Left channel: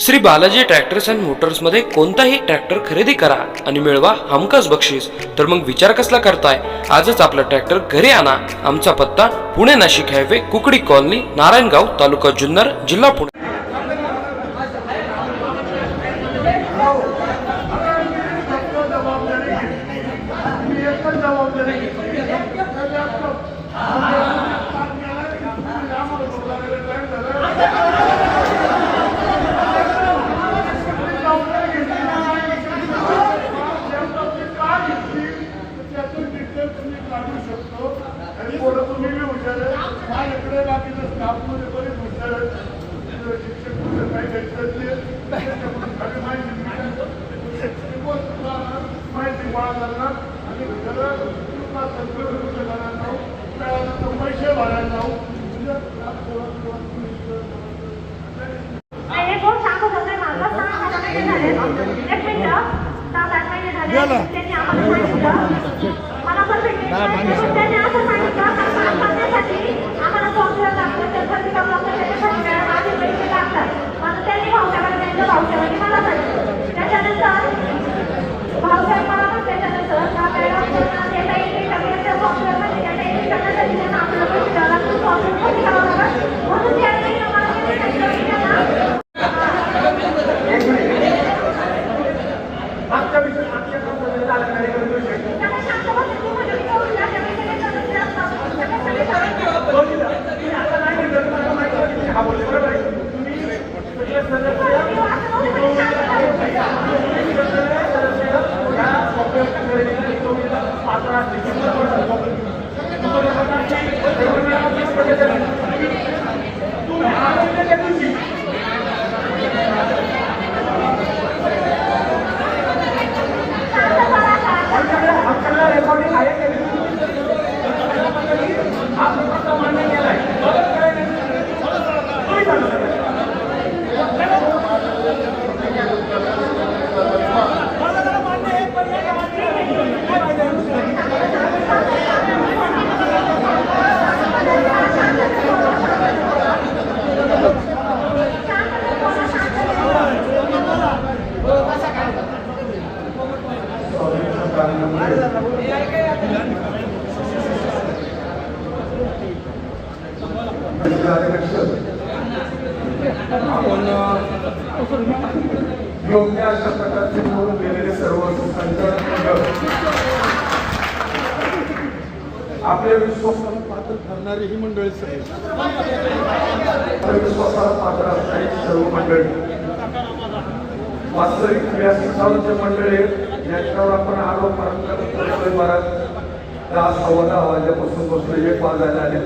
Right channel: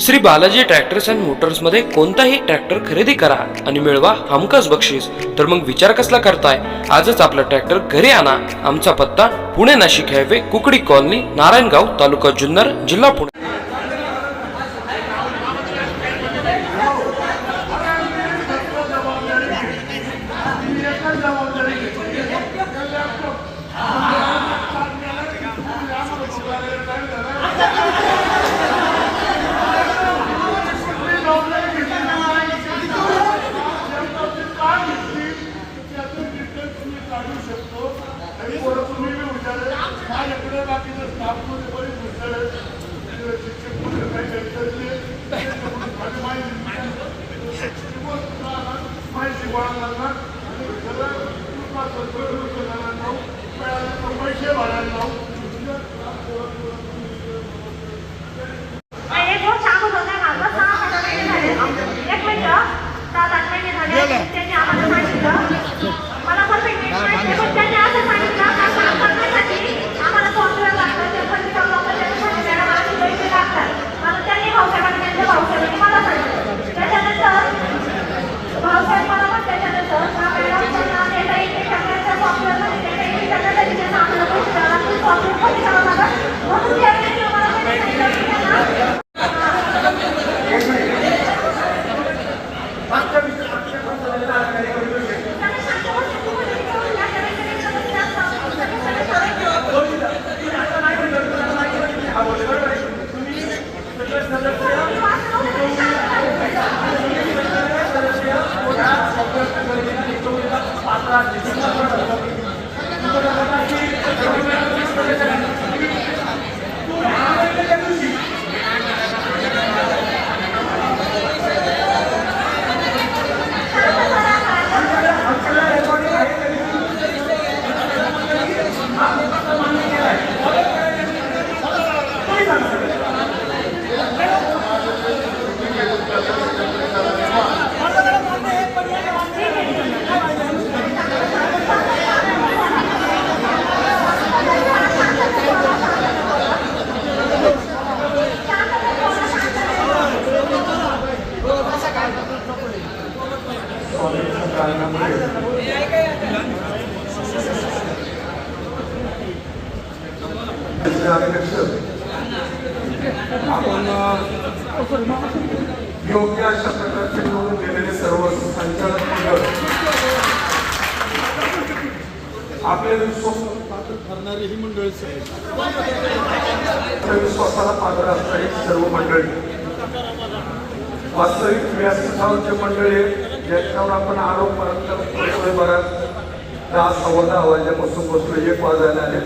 Shri Balaji tractors and Motors मध्ये कोणताही tractor खरेदी करा आणि मिळवा हमखास बक्षीस। तर मग विचार कसला करताय, आजच आपला ट्रॅक्टर घरी आणा। आमचा पत्ता पुणे नाशिक हायवे, कुकडी कॉलनी, नारायणगाव, तालुका जुन्नर, जिल्हा पुणे। आपण योग्य अशा प्रकारचे निवडून गेलेले सर्व संचालक मंडळ आपल्या विश्वासाला पात्र ठरणारी ही मंडळी विश्वासाला पात्र असणारी सर्व मंडळी वास्तविक व्यासस्थानांचे मंडळी याच्यावर आपण आरोप करत 10-10 वाजल्यापासून बसलो 1 वाजायला आले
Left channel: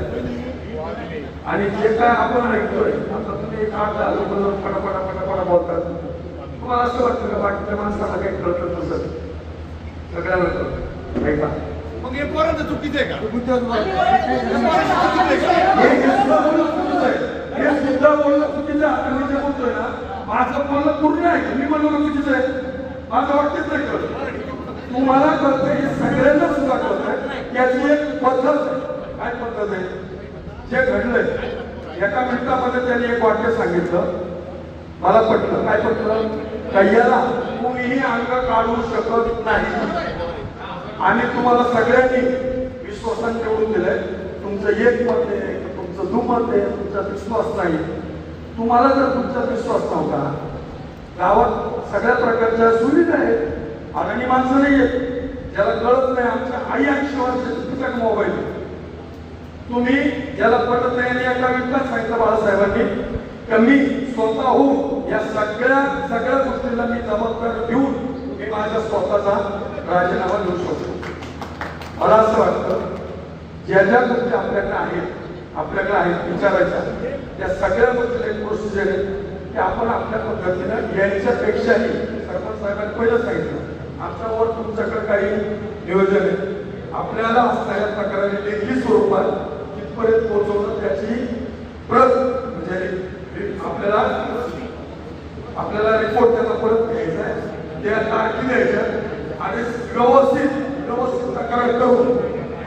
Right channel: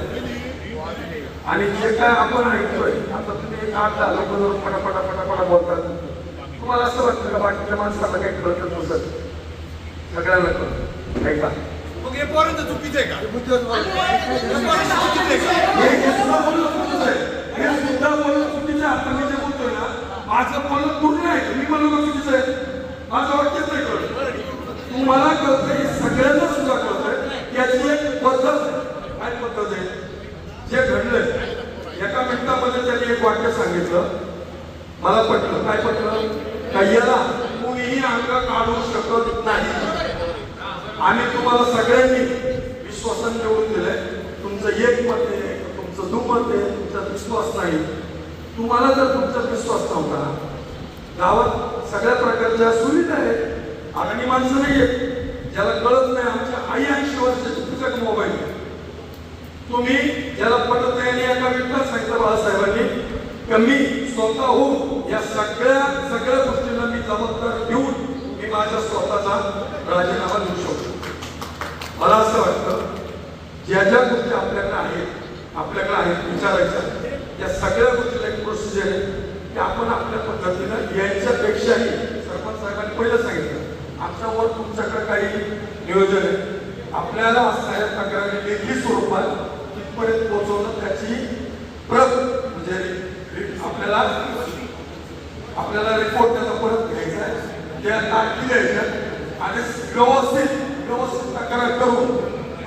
आणि जे काय आपण ऐकतोय आता तुम्ही एक 8 लोक जर पटापटा बोलतात, तुम्हाला असं वाटतं का बाकीच्या माणसाला काही कळत नसत? सगळ्यांना कळत ऐका, मग हे पोरांचं चुकीचं आहे का? हे सुद्धा बोलणं चुकीचं आहे। आपण जे बोलतोय ना, माझं बोलणं पूर्ण आहे, मी बोलणं चुकीचं आहे, माझं वाक्यच नाही कळत, तुम्हाला कळतंय, हे सगळ्यांना सुद्धा कळतंय। याची एक पद्धत आहे, काय पद्धत आहे? जे घडलंय एका मिनिटामध्ये त्यांनी एक वाक्य सांगितलं, मला पटलं। काय पटलं? कय्याला कोणीही अंग काढू शकत नाही आणि तुम्हाला सगळ्यांनी विश्वासाने निवडून दिलंय। तुमचं एक मत आहे, तुमचं दुमत आहे, तुमचा विश्वास नाही। तुम्हाला जर तुमचा विश्वास नव्हता, गावात सगळ्या प्रकारच्या सुविधा आहेत, अगदी माणसं नाही आहेत ज्याला कळत नाही आमच्या आई 80 वर्षाची तुझ्याकडे मोबाईल आहे, तुम्ही ज्याला पटत नाही एका विकास सांगितलं बाळासाहेबांनी, कमी स्वतः होऊन या सगळ्या गोष्टीला मी जबाबदारी घेऊन मी माझ्या स्वतःचा राजीनामा देऊ शकतो। मला असं वाटतं ज्या गोष्टी आपल्याकडे आहेत विचारायच्या, या सगळ्या गोष्टीला एक प्रोसिजर आहे की आपण आपल्या पद्धतीने यांच्यापेक्षाही सरपंच साहेबांनी पहिलं सांगितलं, आमच्यावर तुमच्याकडे काही नियोजन आहे, आपल्याला असणाऱ्या तक्रारी लेखी स्वरूपात तिथपर्यंत पोहोचवणं, त्याची प्रत म्हणजे आपल्याला रिपोर्ट त्याचा परत घ्यायचा आहे, त्या तारखे द्यायच्या आणि व्यवस्थित तक्रार करून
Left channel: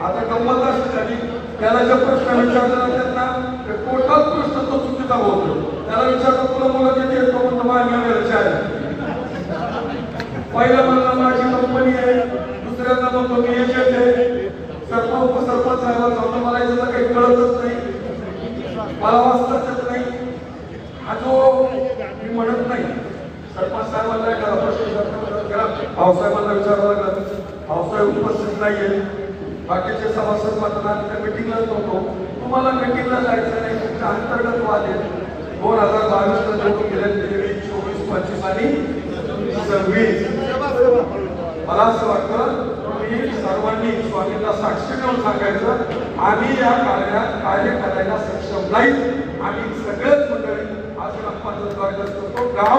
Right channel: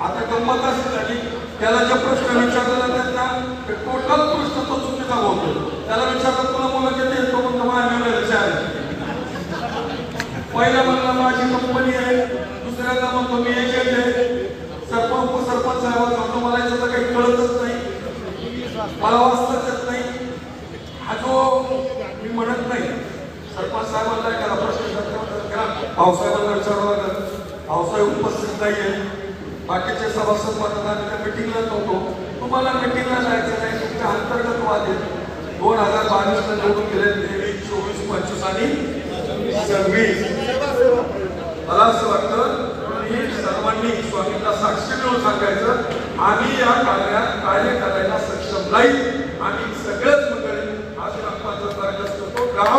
आता गंमत असं झाली, त्याला जे प्रश्न विचारले जातात ना, टोटल प्रश्न तो चुकीचा बोलतो। त्याला विचारतात तुला मुलं किती येतो, म्हणतो माझ्या पहिल्या म्हणला माझी कंपनी आहे, दुसऱ्यांदा म्हणतो मी एजंट आहे, सरपंच उपसरपंच साहेबांना मला याचं काही कळतच नाही, मला वाचताच येत नाही. हा जो मी म्हणत नाही सरपंच साहेबांना करा, प्रश्न करा, भाऊसाहेबांना विचारावं लागलं, भाऊसाहेब उपस्थित नाहीये, बाकीचे सभासद मतदान मिटिंगला होतो, तुम्हाला मिटिंगला जायचं नाही, तुमच्या अंतर्गत वाद आहे. 2022 ला निवडून गेले 23, 24, 25 आणि 26. मला असं वाटतं की सर्वांनी स्वामींना साक्षी देऊन सांगायचं आम्ही या कार्य करायला सक्षम नाही. आम्ही सगळेच मंडळी आज ग्रामपंचायत कार्यक्रम करतो, गाव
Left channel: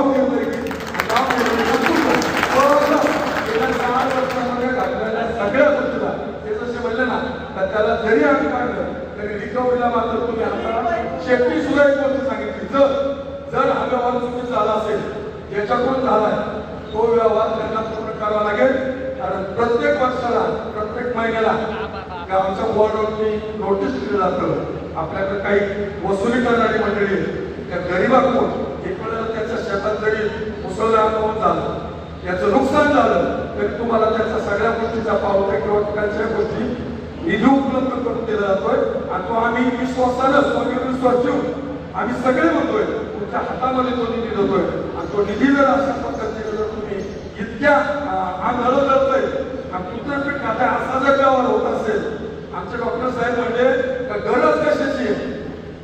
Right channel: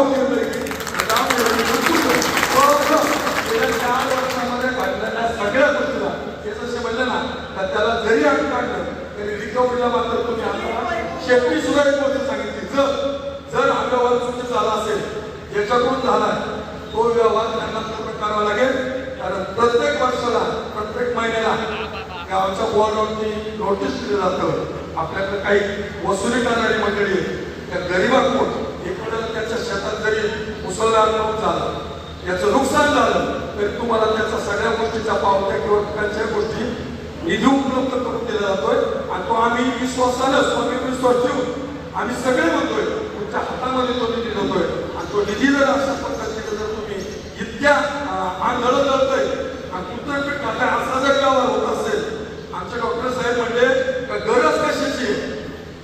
गेल्या 4 वर्षामध्ये घातलेल्या सगळ्या गोष्टीला ते जसे म्हणले ना तर त्याला जरी आम्ही टाकलं तरी रिकव्हरीला मात्र तुम्ही आम्हाला शेवटी सुद्धा एक गोष्ट सांगितली, जर हा व्यवहार चुकीचा झाला असेल याच्याकडून झालाय तो व्यवहार त्यांना पूर्ण करावा लागेल. कारण प्रत्येक वर्षाला प्रत्येक महिन्याला गावाच्या बोर्डावरती नोटीस दिली जातं. आपल्याकडे काही वसुली करणारी मंडळी त्या गरीबाकडून एखाद्याला त्याच्या शेतात जरी मुसळधार पाऊस झालं, याचं नुकसान झालं तरी तुम्हाला त्याच्या सगळ्या गोष्टीचा पावत्या किंवा ठिकाणच्या गोष्टी निधी उपलब्ध करून दिला जातोय. आणि तो आम्ही विश्वासानं स्वामी विश्वास ठेवून आम्ही सगळे म्हणतोय तुमच्या हातामध्ये तो निधी देतोय. आणि तो निधी जर अशा पद्धतीने जर तुम्ही इतक्या आंधळ करतोय आणि कुठे खाता असा जर व्यवहार होत असेल, आमचे डॉक्टर साहेब म्हणले गरज कशाची आहे,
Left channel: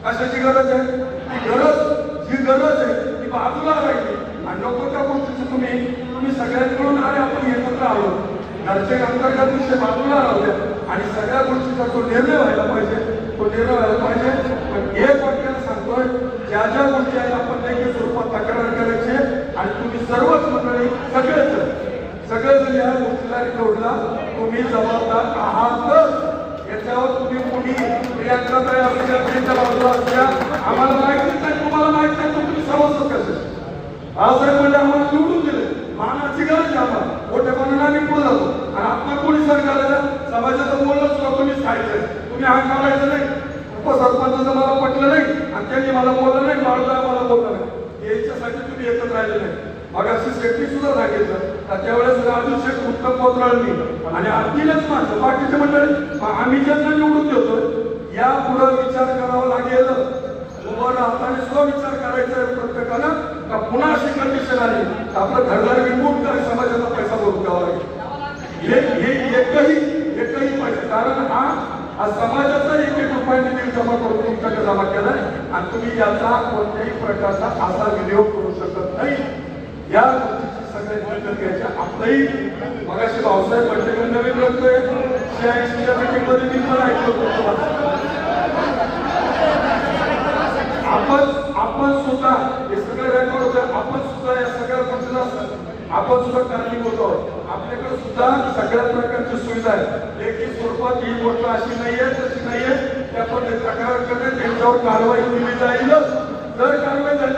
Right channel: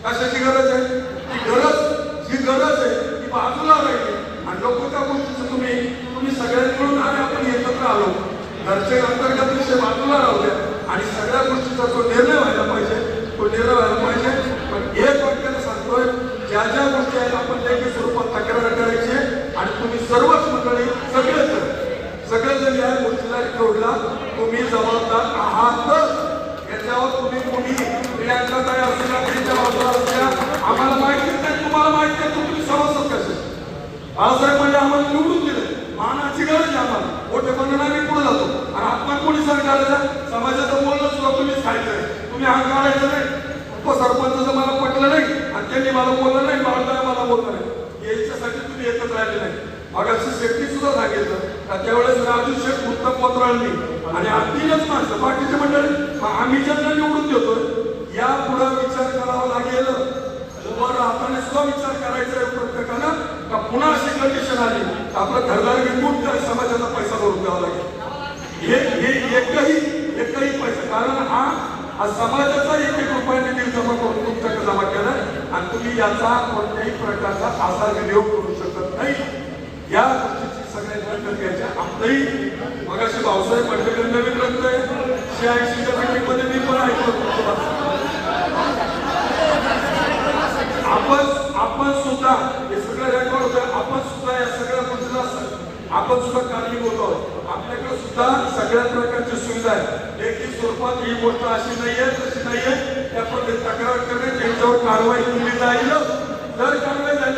कशाची गरज आहे, ती गरज आहे ती बाजूला राहिली आणि नको त्या गोष्टीचं तुम्ही सगळ्यांनी मिळून आले, आपण एकत्र आलो, घरचे अंतर्गत विषय बाजूला राहूया आणि सगळ्या गोष्टीचा जो निर्णय व्हायला पाहिजे तो निर्णय व्हायला पाहिजे. पण एक वाक्यानं सांगतोय ज्या ज्या गोष्टी आहेत आपण लेखी स्वरूपात तक्रार करायची आणि तुम्ही सर्वच मंडळी सगळेजण या गोष्टीला जोडला, तुम्ही जबाबदार आहात. याच्यावर तुम्ही कोणी प्रियांका तयार असल्या पिढीच्या बाजूला असल्या आम्हाला माहितीच नाही, तुम्हाला माहिती आहे तुम्ही सभासद कसे बाळासाहेब म्हणजे आम्हाला निवडून दिले, मानाची गरज आहे आम्हाला, मोठे म्हणून आम्ही पुढे जातो आणि आपण कोणी सरकारला समाजाचं बोलणं सुद्धा तुम्हीच खायचंय, तुम्ही हा करायचं नाही. उपसरपंचाचं मला पटलं नाही आणि त्यांनी मला बोललं नाही, बाळासाहेब मला बोललं नाही, याच्यासाठी तुम्ही एकच राहिले नाही. मग अशी सेफ्टी सुद्धा सांगितलं का त्यावेळेस राजू शेठ उत्तम कोतराळी आणि आणखीनच माणसं बाकीचे मंडळी आम्ही ज्यांना निवडून देतोय या पुढे विचार करावा लागेल, उभं राहताना सुद्धा विचार करायचा आहे प्रत्येकानं का पुन्हा अशी कंडिशन आली आपलं घरदार विकून तर समाजाचा पैसा भरून द्यावा लागेल. हे एकही पैसा, कारण हा समाजाचा 1-1 रुपया निधी जमा करून तुमच्याकडे जमा केलाय आणि तुम्ही याचा कोणत्याही प्रकारचा असा विनियोग करू शकत नाही. या गोष्टीची सगळ्यांनी दखल घ्यायची. आपलंही मगाशी भाऊसाहेब पटेल नवीन ग्रंथोय 86च्या मीटिंगमध्ये मी पण ऐकतो, आपण सुद्धा हे सगळे रेकॉर्ड होते, आपण सुद्धा या सगळ्या गोष्टीला आपण सुद्धा कारणीभूत आहोत. आपल्याकडे सुद्धा सगळ्या प्रकारची सुविधा आहे. लेखी स्वरूपात ही गोष्ट अशी नाहीये तशी नाहीये, त्या पण तक्रार करणे त्यांच्यावर कारवाई केली जाईल. जर कारवाई झाली